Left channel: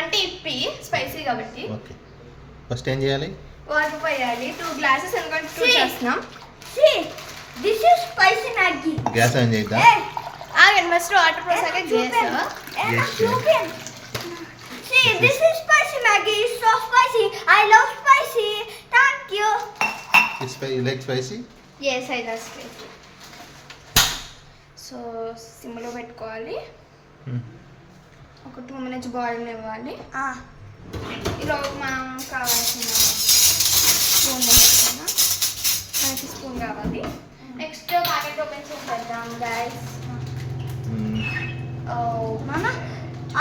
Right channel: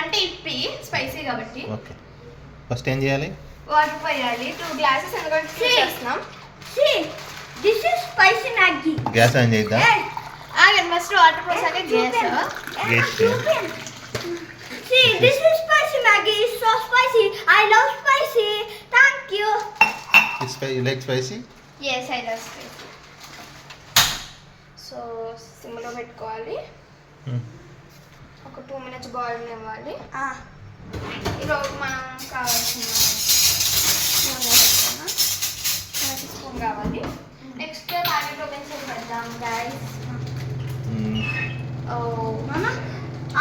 అంటే ఇప్పి స్పైసీ కాబట్టి. ఓకే, ఫస్ట్ ఏం చేయాలి? వాటర్ పోయాలి. 2 గ్లాసెస్ ఎందుకంటే 2 చేస్తున్నాం. This is spicy Maggi. Gas on చేద్దాం. ఆగండి, ఫస్ట్ వాటర్ పోసాక See, this is spicy Maggie. It's so spicy. I love spicy. Thank you. You like spicy? Yes, I love spicy. So, సిమ్లో పెట్టుకోవాలి. ఒక 2 minutes boil ఇవ్వాలి. ఇలా మనం కావాల్సిన స్పూన్ కావాలి. నెక్స్ట్ మ్యాగీ ప్రొపెన్షన్ పెడదాం గైస్. మామ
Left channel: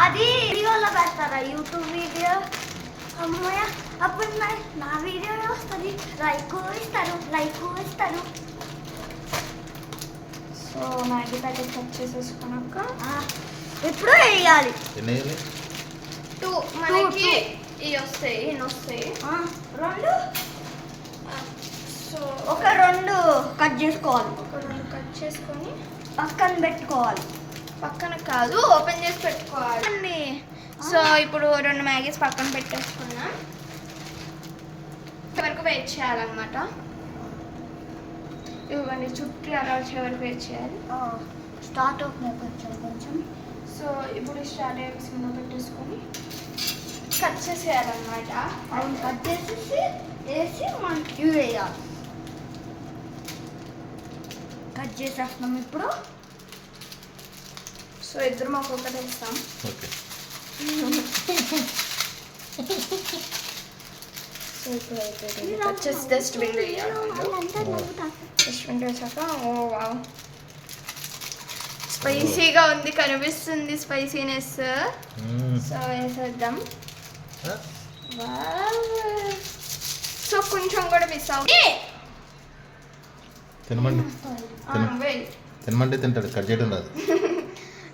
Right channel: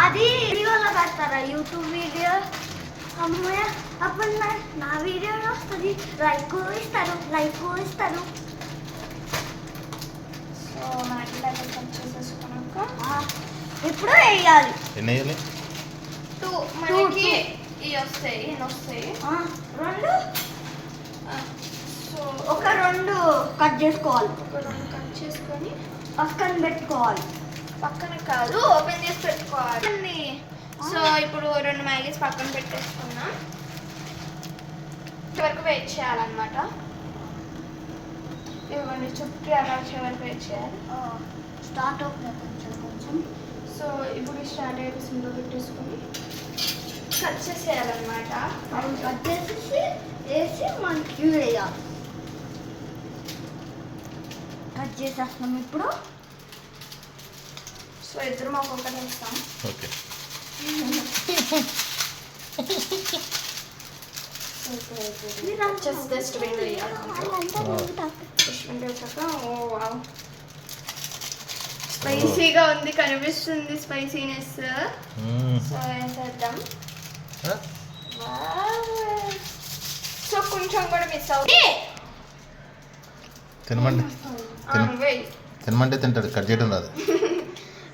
అది వీడియోలో పెడతారా? యూట్యూబ్ వీడియో అమ్మయ్య అప్పుడు నా వీడియో వస్తుంది. లైక్ ఇస్తారు. సో మ్యాగీ ప్యాకెట్ కట్ చేసేసుకున్నాక ఇప్పుడు వేయాలి. ఎన్ని వేయాలి? 2 మనకి ఇవి వస్తాయి. 2 సో ఒక 2 కట్ చేసుకోవాలి. ఒక 2 కట్ చేసుకొని పక్కన పెట్టుకోవాలి. పక్కన కాదు, ఓపెన్ చేసి పెట్టుకోవాలి. సో ఇప్పుడు 2 మ్యాగీస్ పక్కన పెట్టేసుకున్నాం. వరకు వెయిట్ చేయాలన్నమాట. ఇవన్నీ చుట్టూ అలా వచ్చే వరకు వెయిట్ చేయాలి. స్టార్ట్ అవుతుంది కొంచెం. సో ఇప్పుడు స్టార్ట్ అయ్యే సిమ్లో పెట్టేసుకొని కట్ చేసేయాలన్నమాట. అవును, కట్ చేసేసి వేసి మనకి వేయాలి. కట్ చేసేస్తున్నాం ఇప్పుడు. సో ఇద్దరు మాకు ఒకటి వేస్తాం. ఓకే, డస్ట్బిన్ వేయాలి. డస్ట్బిన్ వేసాక స్పైసీగా ఉంది, కనిపిస్తుంది స్పైసీనెస్. సో వేసేద్దాం. సో కొంచెం కూడా మిస్ అవుతుంది. తినమంటే తింటాడు, కట్ చేయడం రాదు.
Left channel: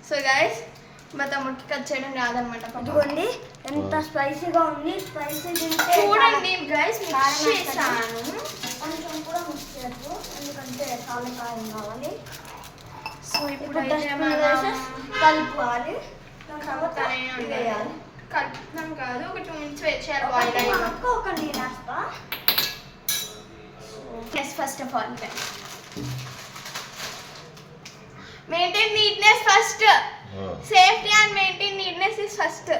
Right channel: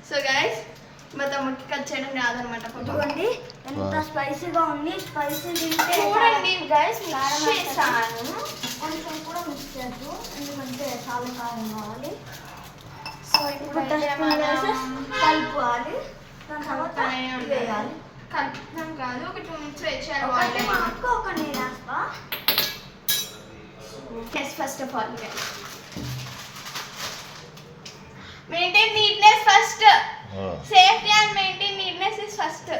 సో గైస్, మా తమ్ముడికి కట్ చేయడం రాదనమాట. చూడండి ఎంత స్పైసీగా ఉంది. స్పైసీ తింటే చూడండి గైస్, మిక్స్ చేశాను. కొంచెం కూడా మిక్స్ చేయద్దు, ఎందుకంటే చాలా కారం కావాలి. సో ఇప్పుడు కలుపుకోవాలి. వేయాలి. కలుపుతాం కాదు, ఒక 2 minutes వెయిట్ చేయాలి. బాయిల్ అయ్యాక ఒక నేను వేస్తా. First of all maintain neatness first. Safety and maintain neatness is first.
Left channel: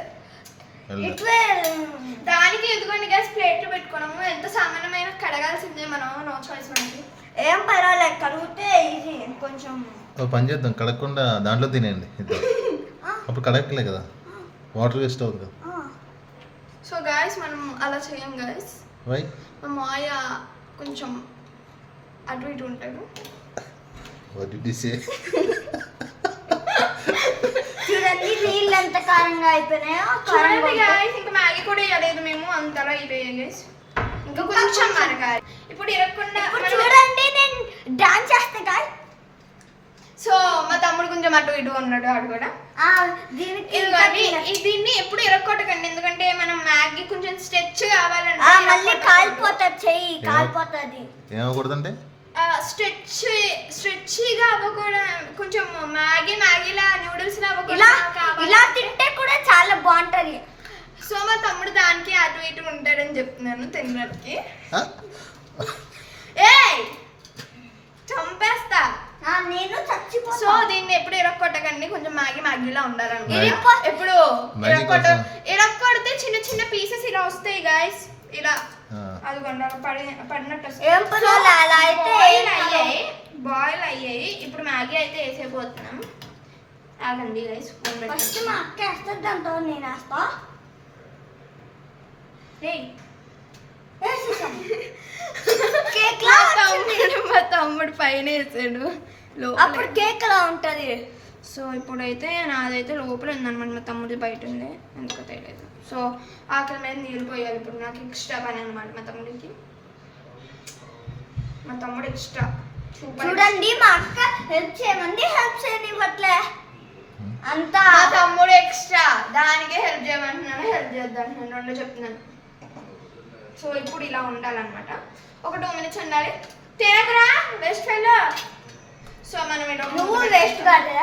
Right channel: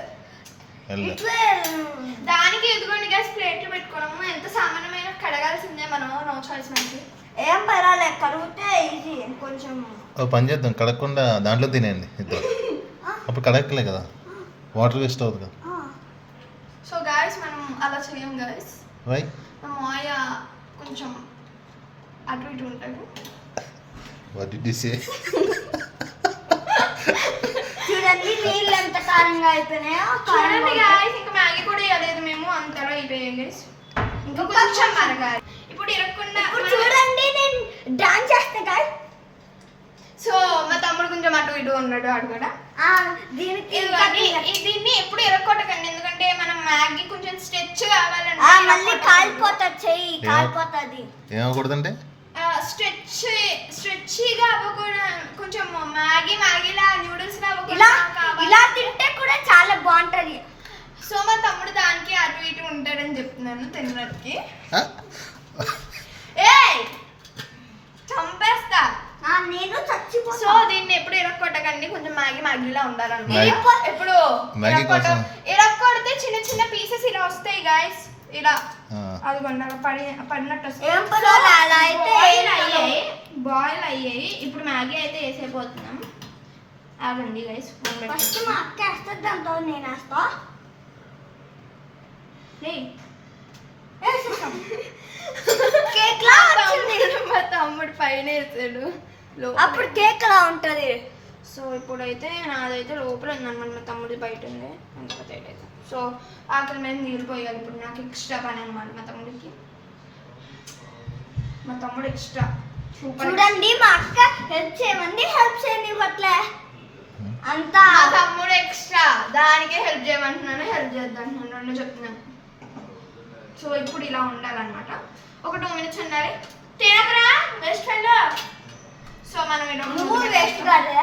దానికి ఎదుగుండి గ్యాస్ ప్లేట్లు పెట్టుకోవడము. ఎంత సామాన్యమైన కడగాల్సిందే మనం, నో చాయిస్ మనకి. ఏం పర్వాలేదు, కడిగితే ఈజీ. కొంచెం పని చేద్దాం, కడగకుండా దాంట్లో తినేయండి ఇద్దరు. అప్పుడు కడగలే కదా, వాటర్ వేస్ట్ అవుతుంది కదా. సో గాయస్, మనం అలా చేయం గాయస్. వై? మా మాయ కొంచెం అటు ఇటు ఉంటాడు. What did you say? చూడండి నీళ్ళు ఎంత కారంగా అయిపోయినాయో. చూడండి గాయస్, ఇంకా మ్యాగీ కూడా వేయలేదు మేము, అంతలా అయిపోయాయి గాయస్. ఇంకా కొంచెం మరగాలి. ఇప్పుడు ఇరగకుండా చూడండి నేను డాన్స్ చేస్తా గాయస్. సో మా తమ్ముడు కొంచెం అటు ఇటు ఉన్నాడు. ఆడు కూడా దీన్ని ఎప్పుడు ఎరగొట్టకండి, ఎందుకంటే మనం మ్యాగీ కొంచెం స్ట్రెచ్ కావాలంటే మళ్ళీ కాలిపోతుంది, చెయ్యి కాలిపోతుంది. ఏమకూడదంటే స్ట్రెచ్గా అవ్వకూడదు. కొంచెం మ్యాగీలా నూడిల్స్ ఇలా తింటే కూడా చాలా బాగుంటది. సో మా తమ్ముడు దానికి అటు ఇటు ఉంటాడని చెప్తున్నాను తినడానికి. చంపేస్తా నేను చచ్చిపోతా. సో దీన్ని ఎప్పుడు ఇరక్కొట్టకండి, కొంచెం మ్యాగీలా ఉండాలన్నమాట. ఎప్పుడు ఇరక్కొడితే చిన్న చిన్న పీసెస్ ఇలా వస్తాయి గాయస్. ఇలా అదిగోండి పడినట్టు వస్తాయి. బాయిల్ అయ్యాయి. ఇప్పుడు మ్యాగీ అయితే వేసేపోతున్నాం. ఆగండి గైస్, ఫస్ట్ మా అక్క వేస్తుంది, దాంతో నేను వేస్తా. మా తమ్ముడు పైన వేసాడు, అప్పుడు కేక్ లా ఉంటది. సో ఇప్పుడైతే నాదైతే లోపల ఉందన్నమాట, మా తమ్ముడి బయట ఉంది, ఎందుకు తెలియదు. సో ఆకలి మీద నీళ్ళు పోయాలి. ఇప్పుడు నాకు ఎక్స్ట్రా పని అనమాట మా తమ్ముడికి. మా తమ్ముడు ఎక్స్ట్రా. చూడండి మా అక్క హెల్ప్ చేయమంది, హెల్ప్ చేయనివ్వట్లే అంతా. మా తమ్ముడు ఎక్స్ట్రా, దానికే హెల్ప్ చేయమంటున్నాను, హెల్ప్ చేద్దాం రెండు చెప్తున్నాను. సో ఇప్పుడు ఇలా ఉండాలన్నమాట. ఒక 2 minutes ఉండాలి. తినకరా బెస్ట్ ఫ్రెండ్. సో మనం నువ్వు వేస్ట్ కాదా?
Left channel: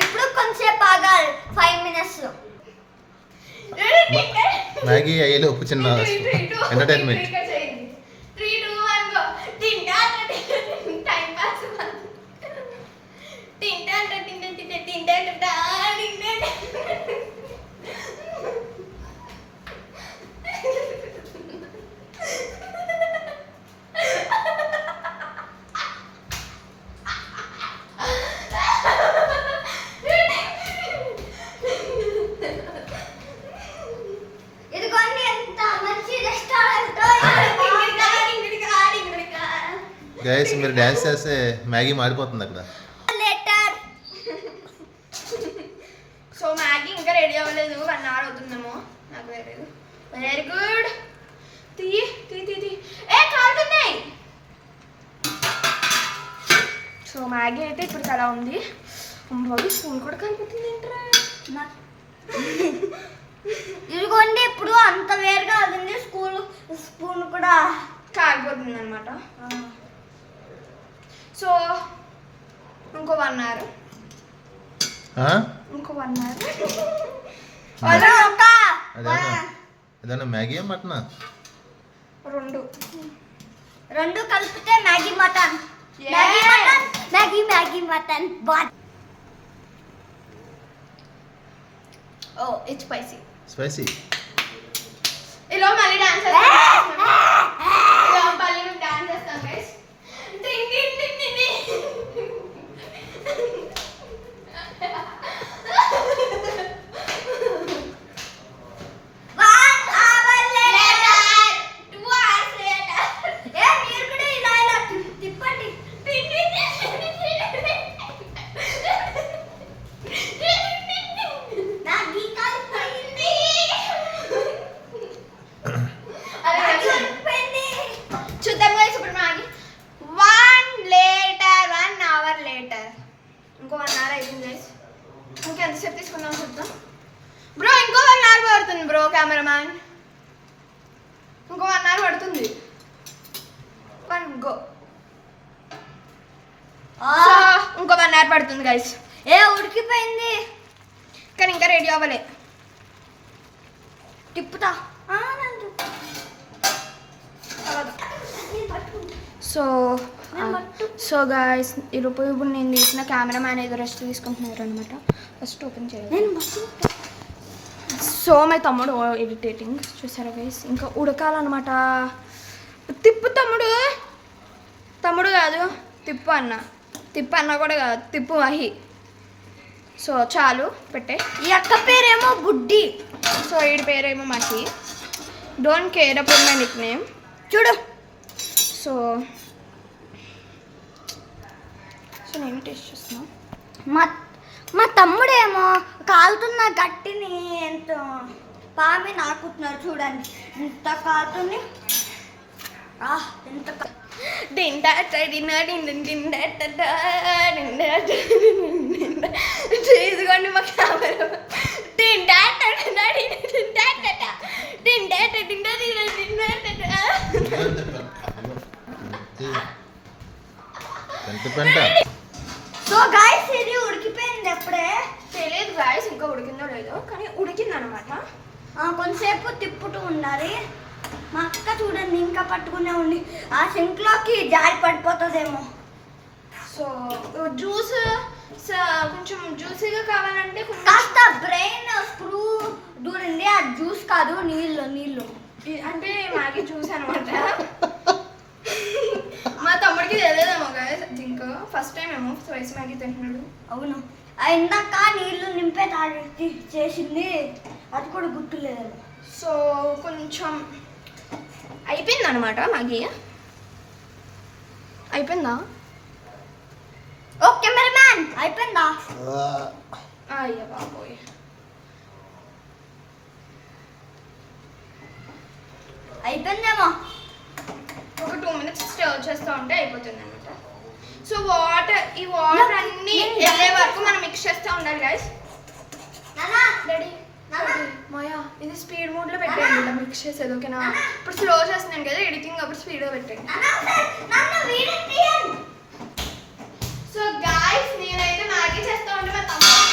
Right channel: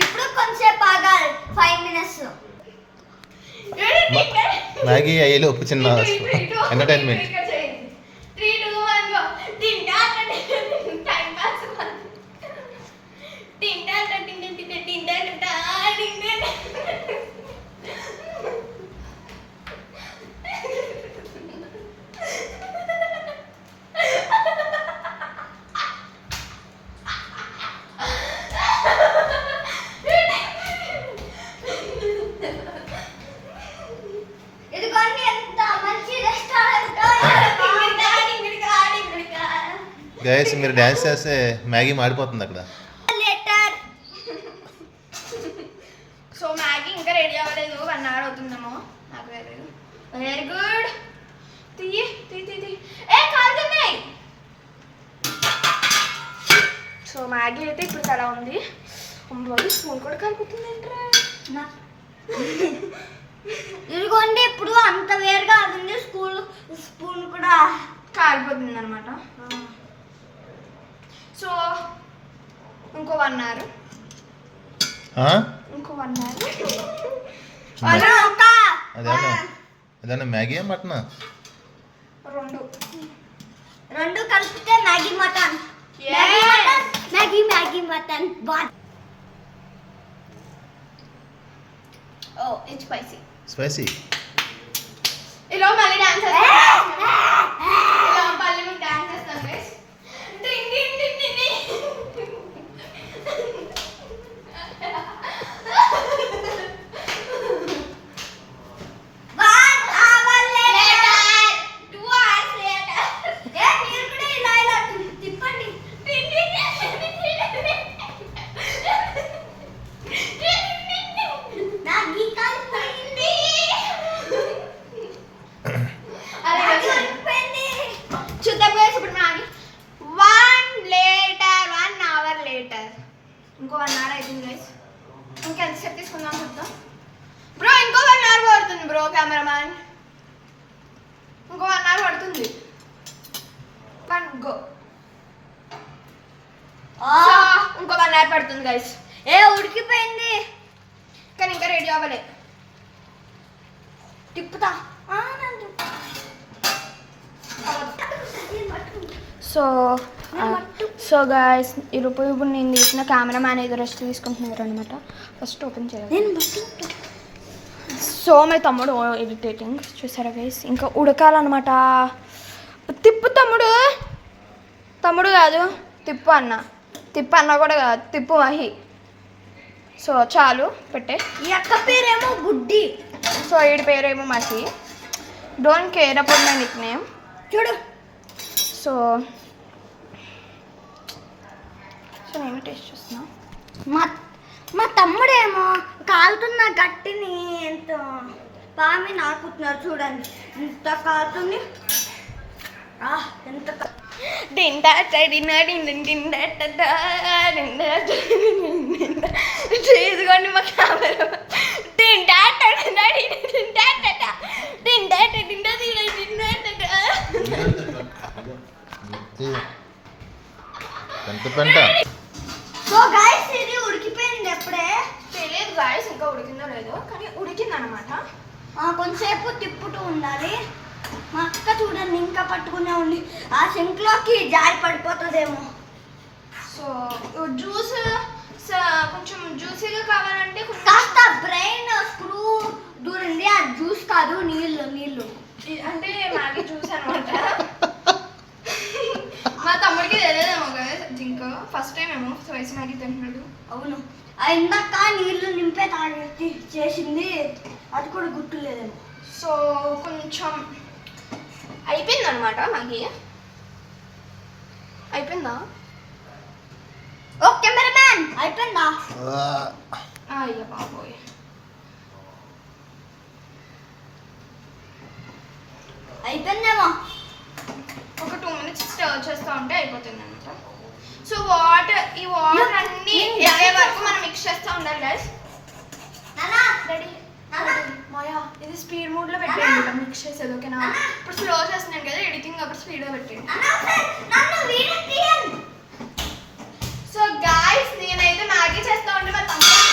ఇప్పుడు కొంచెంసేపు ఆగాలి 5 minutes. మ్యాగీ అయ్యేలోపు చిన్న ఎంటర్టైన్మెంట్. 3, 2, 1 go. తింటా టైం పాస్. తింటా. ఇదిగోండి ఎంత మంచి రెస్టారెంట్. గైస్ మీరు డ్యాన్స్ చేస్తే మ్యాగీ మాడిపోతుంది అక్కడ. లేటర్. సో మ్యాగీ ఇంకా రెడీ అవ్వలేదు, 1 hour అవుతుందేమో నాకు తెలియదు. Very good. తీ ఏ కాలుతున్నాయి. సో మ్యాగీ అయితే ఇప్పుడు అలా ఉంది. అమ్మవాడు స్పూన్ కూడా కలిపిస్తుంది ఏంట్రా. ఇదిగోండి ఇప్పుడు అంత వేరుగా ఉంది. స్పూన్ కూడా కాలిపోతుంది అనమాట. సో ఇంకో 1 hour. ఇంకో 1 hour. అదేనా మ్యాగీ మటనా? రెండు కలిపితే Maggi mutton. Maggi mutton. Oh it's spicy. ఇలా మళ్ళీ డాన్స్ చేస్తాం. ఇలా మళ్ళీ మేము డాన్స్ చేస్తాం గైస్. చూద్దాం గైస్ ఇప్పుడు మ్యాగీ 1 hour later. ఇంకో 1 hour అయిపోయింది గైస్. ఇంకెంతసేపు తీసుకుందాం చూద్దాం. బ్రో ఇంకో 1 hour పడుతుంది బ్రో కెమెరామ్యాన్. ఇంకో 1 hour పడుతుంది. గో. ఇంకో 1 hour పడుతుంది గైస్. ఉడికిపోయింది కానీ ఇంకా రెడీ అవ్వలే. తిప్పుతా. సో గాయస్ ఇప్పుడు నేను తీసిన కెమెరామ్యాన్ అయితే రెస్ట్ తీసుకుంటున్నారు అనమాట. ఫస్ట్ ఓపెన్ చేయాలి. సో మై తమ్ముడు ఎడిటేటింగ్ చూసారా గైస్. ఇంకా ఉడకాలన్నమాట. తిప్పు తమ్ముడు కాదు తిప్పు అన్న కూడా కాదు, తిప్పు మహి. సో చాలు పెట్టే. ఈ అక్క పేరేమో బుడ్డి. సో వీడి పేరేమో Mahi. Don't care about my Nick name. చూడు. సో నేను టేస్ట్ చేస్తున్నా. మా తమ్ముడేమో కాలుతున్న గట్టిని ఎంత పామి నాకుతున్నారు చూడండి. ఎంత కాలుతుంది. ఎంత ఇదిగోండి మా కెమెరా. సో గైస్ ఇది ఉడికిపోయింది ఎప్పుడే. తెలియదు గైస్ ఇంకా ఉడికిందో లేదో, కానీ ఉడికింది అనమాట. కొంతసేపు తిప్పుతూ ఉండాలి. మా అక్క చూడండి ఇంకా పట్టుకునే ఉంది. ఆ సింక్లోకి జారి పడిపోతుందేమో. సో జ్యూస్ కొంచెం జ్యూసీగా కావాలంటే కాస్త బ్రెయిన్ స్క్రూ దూరింది. ఆ జ్యూస్ కాదు, నీళ్ళు అంటే మ్యాగీ జ్యూస్ అనమాట. మా తమ్ముడికి తెలియదేమో గైస్. ఇంకా ఫస్ట్ టైం ఏమో స్పైసీ మ్యాగీ తింటున్నాడు. అవును. ఇందాక నీళ్ళు నింపే తాగి చేసింది, అది కూడా గుర్తులేదేమో. సో కొంచెం అయిపోయింది అనమాట మ్యాగీ. అయిపోయిందా? ఓ కెమెరామ్యాన్ అయిపోయిందా? అయ్యా బాబోయ్. అయిపోయిందేమో. ఒక 2 minutes స్టర్ చేస్తూ ఉంటే అయిపోతుంది అనమాట. సో ఈ వాటర్ అన్ని వెళ్ళే వరకు మనం మిక్స్ చేస్తూ ఉండాలి గైస్. రెడీ మోయా ఇది స్పీడ్ మోడ్లో పెట్టండి మిక్స్ చేసేది. ఓకేనా? ఇప్పుడు స్లో చేస్తున్నాను కదా ఎడిటింగ్, అప్పుడు స్పీడ్గా పెట్టండి. సో గాయ్స్ నేనైతే మ్యాగీ చేస్తా ఉంటే మా తమ్ముడు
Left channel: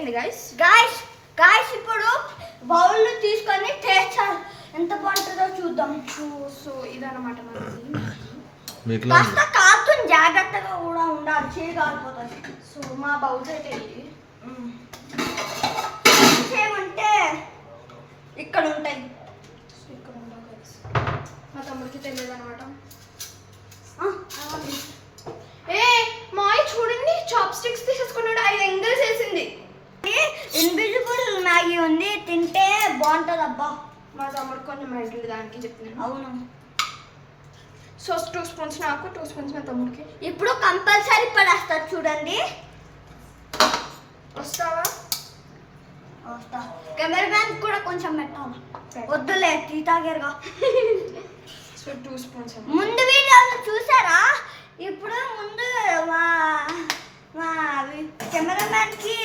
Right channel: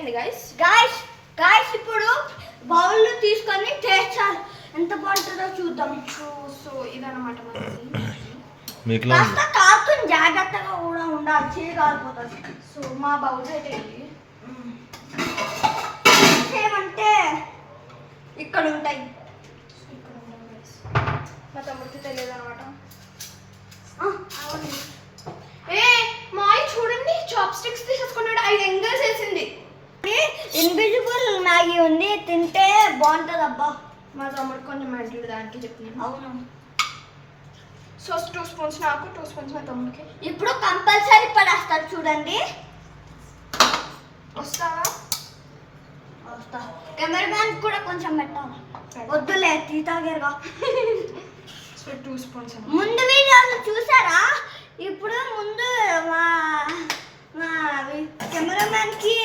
అయిపోయింది గైస్. గాయస్ ఇప్పుడు బౌల్ తీసుకొని టేస్ట్ ఎంత బాగుంటుందో చూద్దాం. సో ఇదన్నమాట మనది. మీకు కాస్త కాలుతుంది, జాగ్రత్తగా కూడా ఉండాలి, చేయి కాలిపోతుంది. సో మా బౌల్స్ అయితే ఇవి. ఏమంటే ఇక్కడ ఉంటాయి. సో ఇక్కడ ఉన్నాం గైస్. మా తమ్ముడికి తెలియదు అనమాట. ఏ మాయ్ చూడండి, చాప్ స్టిక్స్ తీసేసుకున్నాడు. 5 ఎంగల్స్ వేసింది. ఇన్విజిబుల్ మ్యాగీ ఉంది, తింటే బాగుంటుంది అబ్బా. మా తమ్ముడు కొంచెం మెంటల్ దానికి చెప్తున్నాను. అవును. సో 2 స్పూన్స్ నాకు, 2 స్పూన్స్ మా తమ్ముడికి. ఇప్పుడు కంపల్సరీ పడేస్తారు చూడండి. వస్తావా? వస్తా. కెమెరామ్యాన్ కూడా కొంచెం పెట్టాలి. వద్దులే, తీతాగేరుగా. So 2 spoons. ముందు వీడియోలు చూసారా? ఇప్పుడు ముందు మా మా కెమెరామ్యాన్కి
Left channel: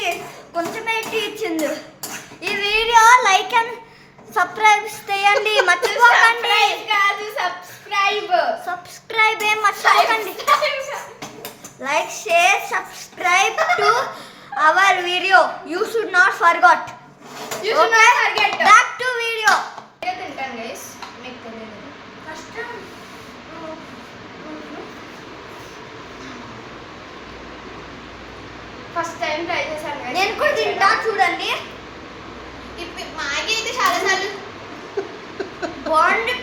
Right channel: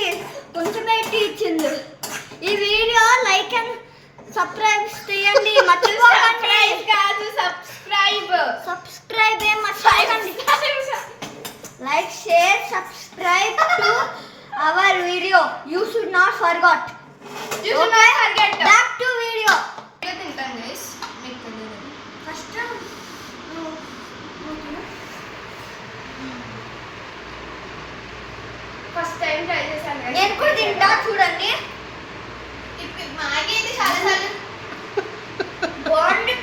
కొంచెం పెట్టి ఇచ్చింది. ఈ వీడియో లైక్ అండ్ సబ్స్క్రైబ్ చేయండి, మర్చిపోకండి. సబ్స్క్రైబ్ ఏం మర్చిపోకండి. Like, share, subscribe to our video. You should not forget. Back to video. తింటాను గైస్, మీకు తెలియదు. ఫస్ట్ ఫస్ట్ టైం ట్రై చేశాను guys. నేను కూడా తింటా చూడండి. ఇప్పుడు మ్యాగీ అయితే చాలా సార్లు బాగుంది